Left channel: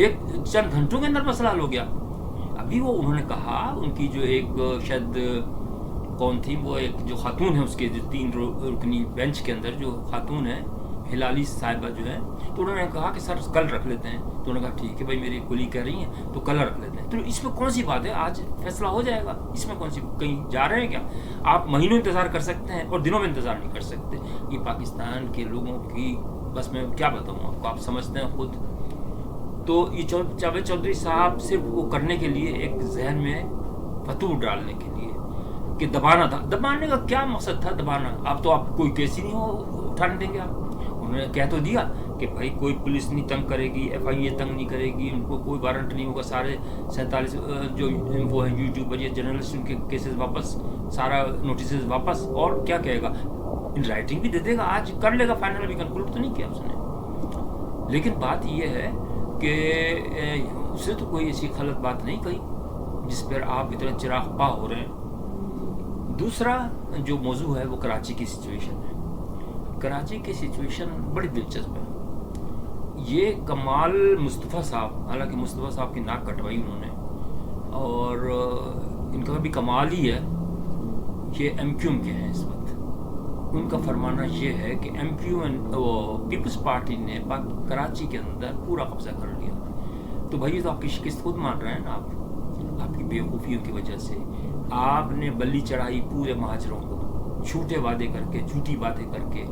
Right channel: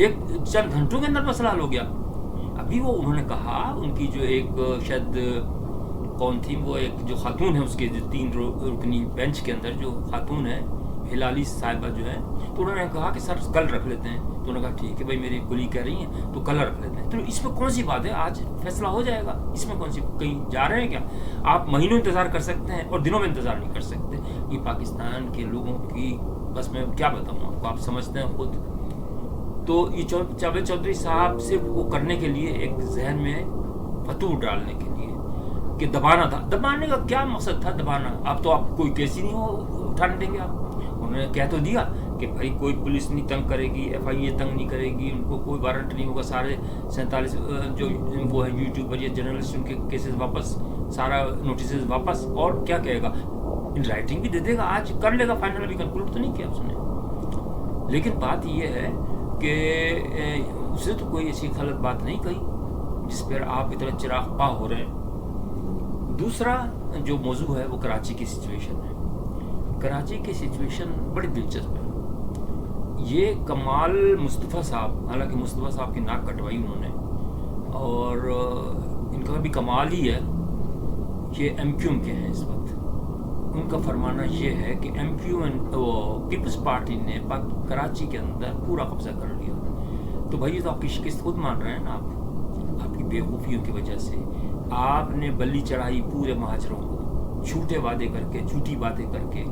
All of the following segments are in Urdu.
ایک چند گھنٹوں کے اندر مسئلہ حل ہو گیا. ابھی وہ انہوں نے کہا ان کی جو ایک شاید کون تھی وہ ایک جو خاتون ہے اس کے جو 3 رکنی بینچ کے اندر جو خاتون ہے ہلالی صاحبہ جو ہے, تو انہوں نے کہا کہ سر کل رکھ لیتے ہیں. تو انہوں نے کہا ٹھیک ہے بھائی میری کلی کہہ رہی ہیں تو کل رکھ لیتے ہیں. تو اس میں کون سی بات ہے, آج فیصلہ ہو جائے گا, اس میں کون سی کہیں جا رہے ہیں کیا؟ آپ مہینوں انتظار کر سکتے ہیں اور دنوں میں انتظار نہیں کر سکتے. یہ پاکستان کے لوگوں کی بس میں کیا بتاؤں آپ کو, آپ سمجھتے ہیں خود. تو یہ جاوید چودھری صاحب صرف وہ کرنے کے لیے ایک ذہن میں فتور ڈالنے کے لیے کہ دبانا تھا. دبانے کا کیا مقصد تھا دبانا؟ اب تو آپ کوئی کیس ہی نہیں ہو اٹھانے دیں گے. آپ انہوں نے کہہ تو دیا کہ بھائی کوئی پولیس نہیں تنگ کرے گی, ایف آئی اے تنگ نہیں کرے گی, ان کو کوئی وارنٹ نہیں ہوگا, سارے 47 جو وہ ہیں یوٹیوبر یا جرنلسٹ ان کے کیسز واپس, سارا نوٹسز واپس. اور کیا کہے گا, ان رائٹنگ بھی دے دے گا, آج کر لے گا فائنل. ابھی کنکلوڈ تو نہیں کیا اس نے. لیکن بات یہ ہے کہ اسے تو کوئی ایسی غلط بات نہیں کہی جس پر آپ اتنا چراغ پا ہو رہے ہیں. دوسرا جو موضوع ہے وہ کراچی کی سچویشن ہے. کراچی کی سچویشن بڑی دلچسپ ہے. یہ کمال مصطفیٰ صاحب, حالانکہ مصطفیٰ صاحب کی ناک کٹوائی انہوں نے, اور ان کا بھی کمال ہی ہے, یہ ایم کیو ایم کے ہیں اس وقت. ان کا فرمانا یہ ہے کہ ایم کیو ایم پیپلز پارٹی نے کراچی کے اندر پورا قبضہ کر لیا. تو بھائی یہ تو آپ کی شکست خود مان رہے ہیں نا, آپ کی بیوقوفیوں کی وجہ سے. آپ نے بلی چڑھائی پورے مہاجروں کو, جھوٹے وعدے کر کے, جھوٹی باتیں کر کے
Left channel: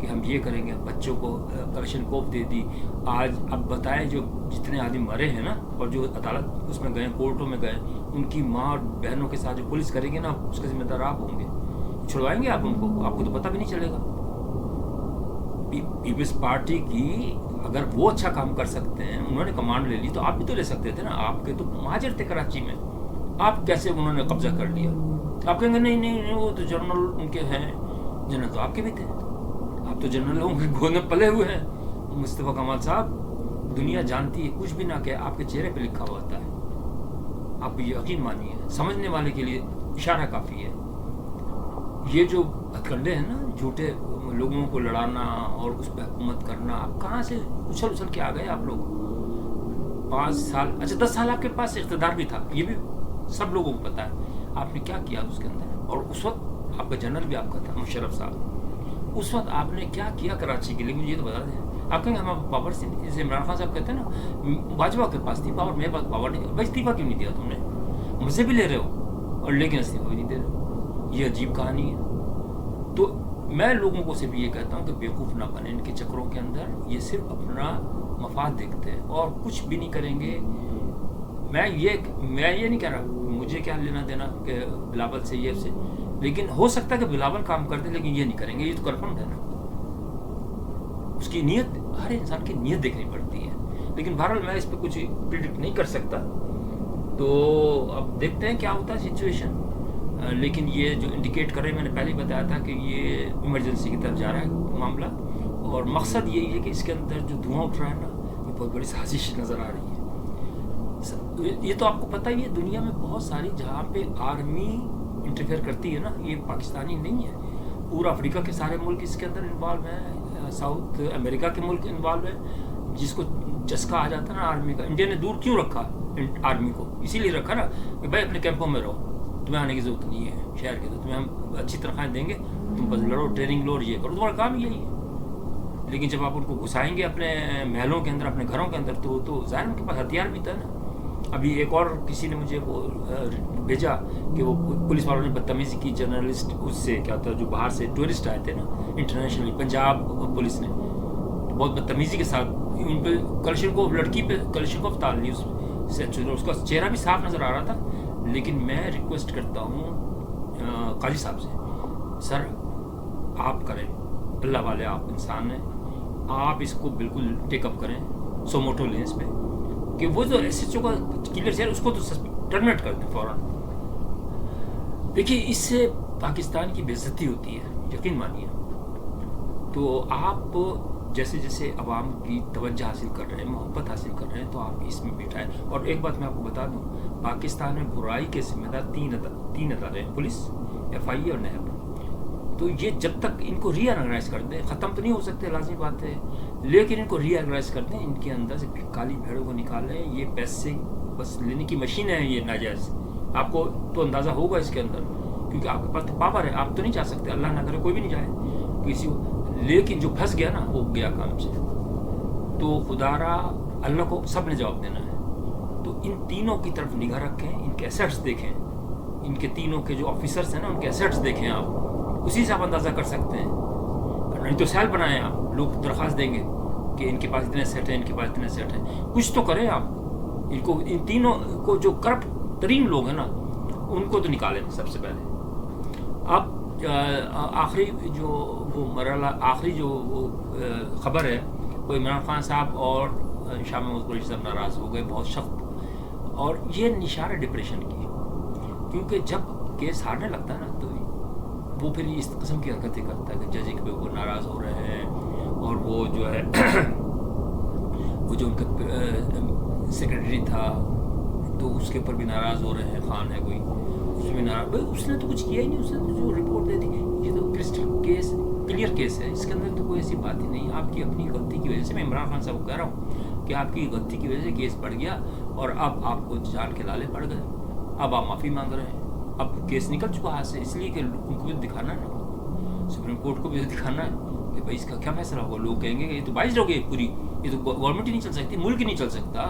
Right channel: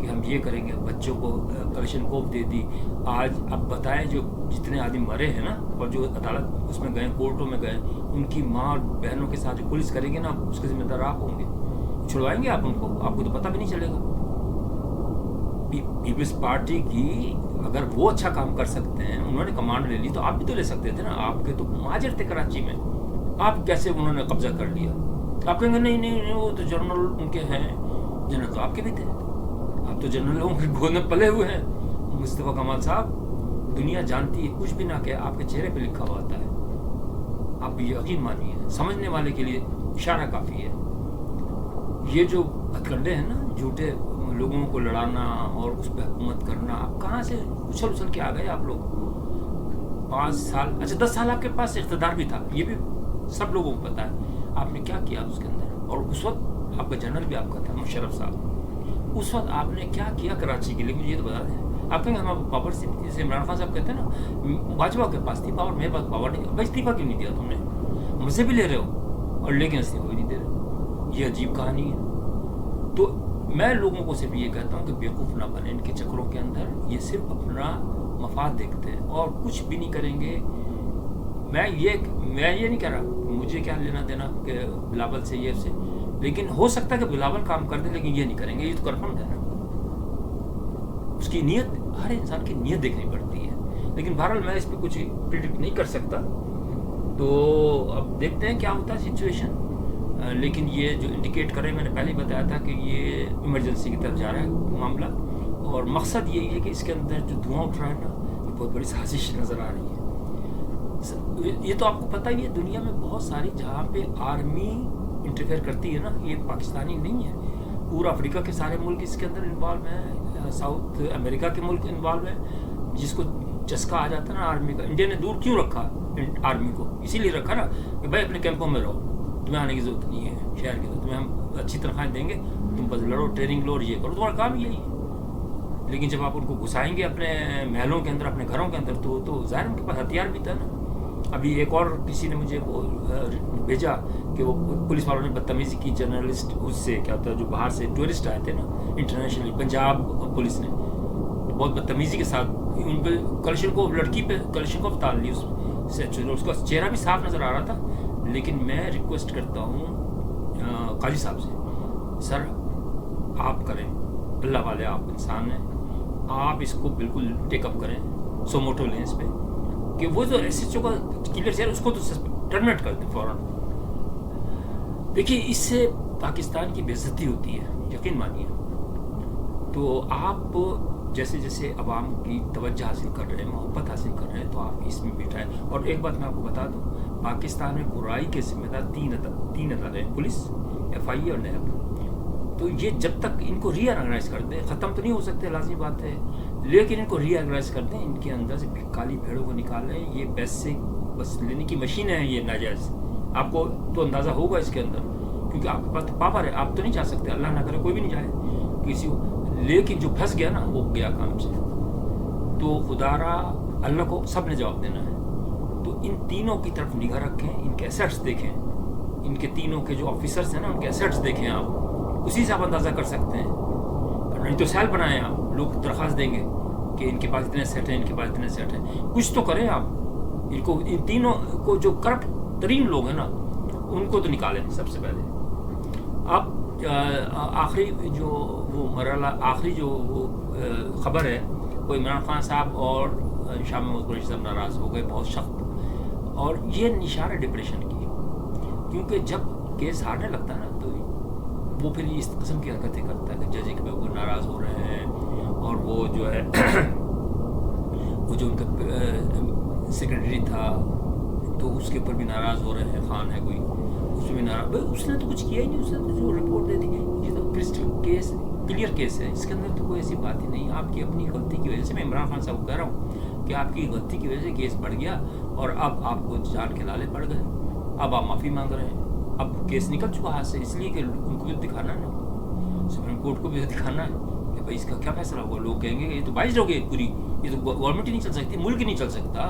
کہ ہم یہ کریں گے, بچوں کو کلشن کوف دے دی. آج اب بتائیں جو جتنے آدمی مرے ہیں نا اور جو عدالت اس میں گئے, کورٹوں میں گئے, ان کی ماں اور بہنوں کے ساتھ جو پولیس کرے گی نا, اس کے ذمہ دار آپ ہوں گے. چھڑوائیں گے آپ ان کو, آپ کو تو پتہ بھی نہیں چلے گا. پیپلز پارٹی کی اگر وہ اچھا کام کر سکتے ہیں, انہوں نے کمانڈ لے لی, تو آپ بھی تو لے سکتے تھے نا. آپ کے تو مہاجر تھے کراچی میں, آپ کیسے انہوں نے قبضہ کر لیا؟ آپ کہیں گے نہیں نہیں نہیں وہ تو جنرل ان کے ہیں. جنرل تو آپ کے بھی تھے, آپ تو جنرلوں کے گود میں پلے ہوئے ہیں. مصطفیٰ کمال صاحب, دنیا جانتی ہے کچھ بھی نہ کہ آپ کے چہرے پہ لکھا ہوا ہوتا ہے. آپ یقین مانیے, سمجھنے والے کے لیے اشارہ کافی ہے. یہ جو ہتھ کنڈے ہیں نا, جھوٹے لوگوں کو لڑانا اور اس پہ حکومت کرنا, آپ کہاں سے اچھل اچھل کے آ گئے آپ لوگ؟ 5 سال, اچھا 10 سال آپ کے پاس اقتدار بھی تھا, یہ بھی سب لوگوں کو پتا ہے. آپ نے کیا کیا اس کے اندر؟ اور اس وقت آپ کا جنرل بھی آپ کا تھا مشرف صاحب. اس وقت آپ نے کیا کیا کراچی کے لیے, مجھے یہ تو بتا دیں. آپ کہیں گے ہمارے پاور سے نہیں تھی, جیسے عمران خان صاحب کہتے ہیں نا باجوہ کے پاس تھی پاور, میرے پاس پاور نہیں. بھائی استعفیٰ کیوں نہیں دیا تم نے؟ مزے بھی لے رہے ہو اور لیکن استعفیٰ بھی نہیں دے رہے. یہ عجیب کہانی ہے. تو میں لوگوں کو صرف یہ کہتا ہوں کہ بیوقوف نہ بنیں ان کے چکروں کے اندر. یہ صرف اپنا مفاد دیکھتے ہیں اور کچھ بھی نہیں کریں گے. میں یہ نہیں کہہ رہا مجھے کیا لینا دینا کہ بلاول سے یہ سے, لیکن ہو سکتا ہے کہ بلاول کام کر دے, لیکن یہ نہیں کریں گے. یہ تو کنفرم ہے نا. اس کی نیت, ہر انسان کی نیت دیکھنی پڑتی ہے. لیکن بہرحال میں اس پہ کچھ پریڈکٹ نہیں کر سکتا. تو اب دیکھتے ہیں کیا ہوتا ہے سچویشن. لیکن یہ جو انڈیکیٹ کر رہے ہیں, میں نے پہلے ہی بتایا تھا کہ یہ ایمرجنسی کی طرف جا رہا ہے معاملہ. اور مقصد یہی ہے کہ اس کے اندر جو دھواں اٹھ رہا ہے نا, یہ بہت بڑی سازش نظر آ رہی ہے. یہ تو آپ کو پتہ ہی ہے, دنیا میں بہت ساری جہاں پہ آرمی انٹرفیئر کرتی ہے نا, یہ پاکستانی نہیں ہے. پورا افریقہ کے سارے ملک اس کے اندر انوالو ہیں, ساؤتھ امریکہ کے ملک انوالو ہیں. جس کو چسکا آ جاتا ہے نا آرمی کا. انڈیا نے دور کیوں رکھا آرمی کو؟ اسی لیے رکھا نا کہ بھائی اپنے کیمپوں میں رہو, تمہیں آنے کی ضرورت نہیں ہے شہر کے, تو تمہیں ہم اچھی تنخواہیں دیں گے, تم بس لڑو, ٹریننگ لو اور یہ کرو, تمہارا کام یہی ہے. لیکن جب آپ ان کو گھسائیں گے اپنے محلوں کے اندر, اپنے گھروں کے اندر, تو ظاہر ان کے پاس ہتھیار بھی تھا نا. ابھی ایک اور کسی نے مجھے بھیجا کہ وہ پولیس والوں نے بدتمیزی کی جرنلسٹ اس سے, کیا ہوتا ہے جو باہر سے ٹورسٹ آئے تھے نا انٹرنیشنلی, پنجاب پولیس نے بہت بدتمیزی کے ساتھ ان پہ کلشن کو, لڑکی پہ کلشن کو اتار لی. اس کا چہرہ بھی صاف نظر آ رہا تھا. لیکن میں ریکویسٹ کرتا ہوں قاضی صاحب سے, سر آپ کریں, اللہ والے آپ انسان ہیں, آپ اس کو بالکل ٹیک اپ کریں, سوموٹو لیں اس پہ, کہ وہ جو ایس ایچ او کا کلیر چہرہ اس کو تو ٹرمنیٹ کر دیں فوراً. دیکھیے اس سے پاکستان کی بے عزتی ہوتی ہے, یقین مانیے. تو آپ جیسے جیسے عوام کی توجہ حاصل کر رہے ہیں, محبت حاصل کر رہے ہیں, تو آپ اس میں بٹھائیں. اور ایک بات میں آپ کو بتا دوں, پاکستان میں برائی کے ذمہ دار 3 ادارے ہیں, پولیس, ایف آئی اے اور نیب. تو یہ جب تک ان کو ری آرگنائز کر دیں، ختم تو نہیں ہو سکتے لازمی بات ہے، لیکن ان کو ری آرگنائز کر دیں، ان کے اندر سے کالی بھیڑوں کو نکالیں. یہ پیسے بس لینے کی مشین ہے یہ ناجائز. آپ کو تو اندازہ ہوگا اس کے اندر، کیونکہ آپ کے پاس تو پاور ہے، آپ تو نہیں جا سکتے، اللہ نہ کرے کوئی بھی نہیں جائے کسی کو، لیکن جو پھنس گیا نا وہ گیا کام سے. تو خدا را اللہ کو سب نے جواب دینا ہے. تو ان تینوں کی طرف نگاہ رکھیں، ان کے ایسیٹس دیکھیں، ان کے تینوں کے جو آفیسرس ہیں نا ان کے ایسیٹس دیکھیں آپ، اسی سے آپ اندازہ کر سکتے ہیں. نہیں تو سیل بنائیں آپ، لوگ درخواست دیں گے کہ ان کے پاس اتنے سیٹ ہیں، ان کے پاس اتنے سیٹ ہیں، کچھ تو کریں آپ. ان کو ان تینوں کو جو کرپٹ ترین لوگ ہیں نا ان کو تو نکالیں سب سے پہلے. اب آخری جو وہ مرحلہ، آخری جو وہ خبر ہے، وہ عمران خان صاحب اور شاہ محمود قریشی صاحب ناراض ہو گئے بہت سخت، اور یہ نشان ہے ڈپریشن کی، کیونکہ جب کیس ہارنے لگتا ہے نا تو وہ پھر اس قسم کی حرکتیں کرتا ہے کہ جج پہ وہ ناراض ہو رہے ہیں، اور وہ جو ہے وہ جو ان کا سیکرٹری تھا تو اس کے اوپر بھی ناراض ہو رہے ہیں، خان ہے کوئی، اس میں بھی ناراض. بھائی اس نے تو کچھ کیا ہی نہیں، اس نے تو جو رپورٹ دے دی، یہ تو کرسٹل کیس کلیئر کیس ہے، اس کے اندر تو کوئی ایسی بات ہی نہیں. آپ کی اپنی غلطی کی وجہ سے، میں عمران خان صاحب کو کہہ رہا ہوں کہ آپ کی غلطی کی وجہ سے کیس بڑھ گیا، اور اب آپ کو جان کے لالے پڑ گئے، اب آپ معافی مانگ رہے ہیں. اب کیس نکل چکا ہاتھ سے، اس لیے کہ ان کو بھی دکھانا ہے نا، سپریم کورٹ کو بھی دکھانا ہے کہ بھائی اس کا کیا فیصلہ ہوگا. لوگ کہیں گے کہ یہ تو 22 لوگ پوری، یہ تو گورنمنٹ ہی نہیں چل سکتی، ملک ہی نہیں چل سکتا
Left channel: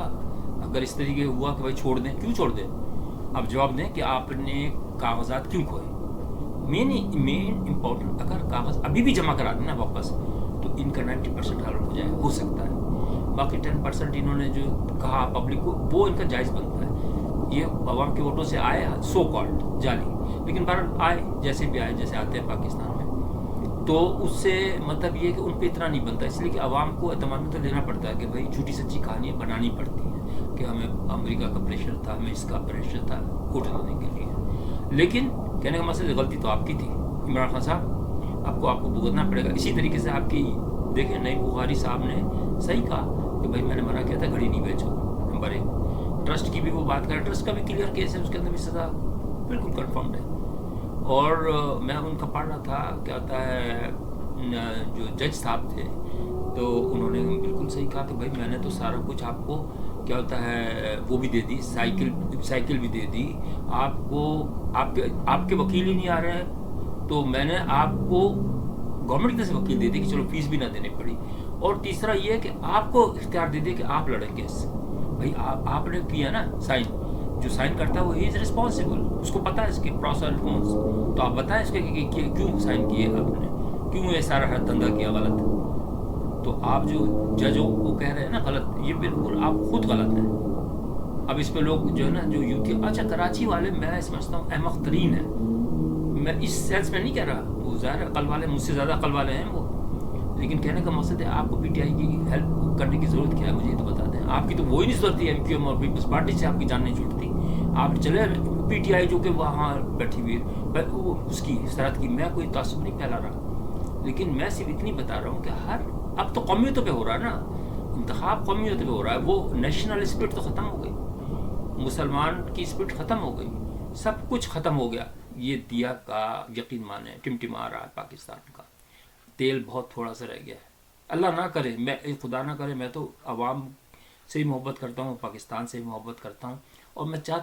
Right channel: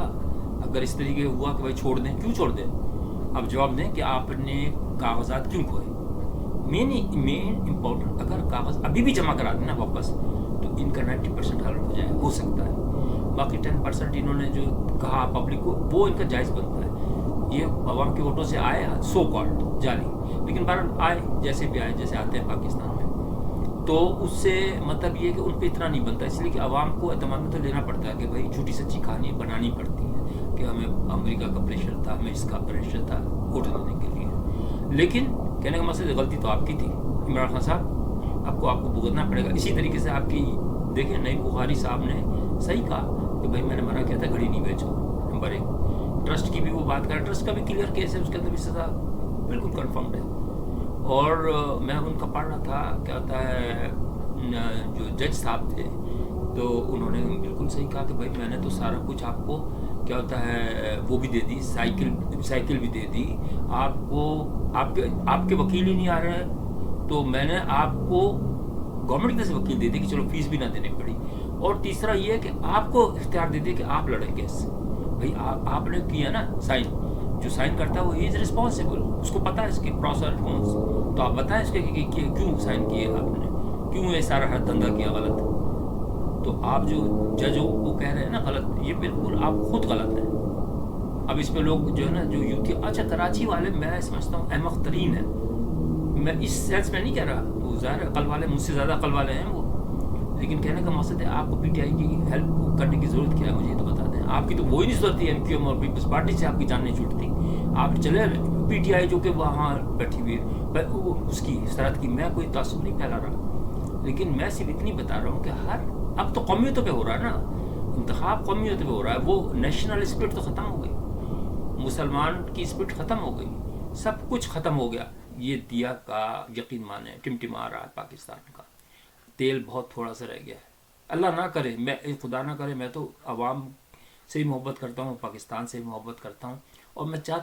اگر اس طریقے ہوا کہ بھائی چھوڑ دیں. کیوں چھوڑ دیں؟ اب جواب دیں کہ آپ نے کاغذات کیوں کھوئے. مین امپورٹنٹ، اگر کاغذ ابھی بھی جمع کرا دیں نا واپس تو ان کا 90% حل ہو جائے، ہو سکتا ہے. باقی 10% انہوں نے جو کہا پبلک کو، وہ ان کا جائز بنتا ہے. یہ عوام کے ووٹوں سے آئے سو کالڈ جعلی، لیکن بہرحال آئے جیسے بھی آئے، جیسے آتے ہیں پاکستان میں. تو اس سے مطلب یہ کہ ان پہ اتنا نہیں بنتا، اس لیے کہ عوام کو اعتماد میں تو لینا پڑتا ہے کہ بھائی جھوٹی سچی کہانی بنانی پڑتی ہے کہ ہمیں امریکہ کا پریشر تھا، ہمیں اس کا پریشر تھا ووٹ دینے کے لیے. لیکن کہنے کا مقصد غلطی تو آپ کی تھی عمران خان صاحب، آپ کو بھگتنا پڑے گا. اسی طریقے سے آپ کی دیکھیں نئی بخاری صاحب نے صحیح کہا کہ بھائی میں نے منع کیا تھا گھڑی نہیں بیچو. نمبر 1 ٹرسٹ کی بھی وہ بات کر، ٹرسٹ کا بھی کلیئر کیس ہے، اس کے اندر بھی سزا بالکل کنفرمڈ ہے. اور میں ان کا پڑھ رہا تھا کیا ہوتا ہے، جو جج صاحب تھے تو انہوں نے بالکل صحیح کہا کہ بھائی میں نے تو سارا کچھ آپ کو کیا ہوتا ہے وہ بھی دے دی، سائیکل بھی دے دی آپ کو، آپ کے وکیل ہی نہیں آ رہے تو میں نے آپ کو گورنمنٹ کی طرف سے وکیل دے دی کہ چلو فیس بھی نہ دینے پڑی. اور تیسرا یہ کہ آپ کو اختیار دے دیا کہ آپ لڑیں کیس. بھائی آپ نے کیا نا سائن، جو سائن کرتا ہے وہ ہی از رسپانسبل، اس کو پتا ہے اس کے پروسر کونس. تو آپ بتائیں اس کے کہ کیوں سائن کیے آپ نے، کیوں یہ سارا دھندا کیا غلط. تو آپ جو جج کو کہہ رہے ہیں نا غلط، یہ بالکل آپ خود غلط ہیں. اب اس پہ لوگ جو ہے نا جو یوتھی، اچھا کراچی والے میں سمجھتا ہوں احمق ترین ہیں، میں اس سینس میں نہیں کہہ رہا، وہ ظاہر عقل والے مجھ سے زیادہ عقل والے ہیں وہ، لیکن کہنے کا مقصد ہے آپ کو پی ٹی آئی کی ہیلپ کرنے کی ضرورت کیا ہے مجھے یہ تو بتا دیں. آپ کی تو وہی نہیں ضرورت تھی، ایم کیو ایم اور پیپلز پارٹی سے آپ کی جان نہیں چھوٹتی. آپ چلے پی ٹی آئی جو کہ وہاں بیٹھی ہوئی ہے اس کی سرحد کی، میں کوئی تعصب نہیں پھیلا رہا، لیکن میں صرف اتنی بتا رہا ہوں کہ اب تو قومیتوں پہ ہو رہا ہے نا انتخاب، قومیتوں پہ ہو رہا ہے. وہ نیشنل اسپرٹ تو ختم ہو گئی، مسلمان کی اسپرٹ ختم ہو گئی، سب کچھ ختم ہو گیا. یہ دیا کا یقین مانے ٹمٹما رہا ہے پاکستان کا، تیل بہت تھوڑا سا رہ گیا ہے. اللہ نہ کرے، میں خدا نہ کرے، میں تو عوام سے ہی محبت کرتا ہوں، پاکستان سے ہی محبت کرتا ہوں، اور میں چاہتا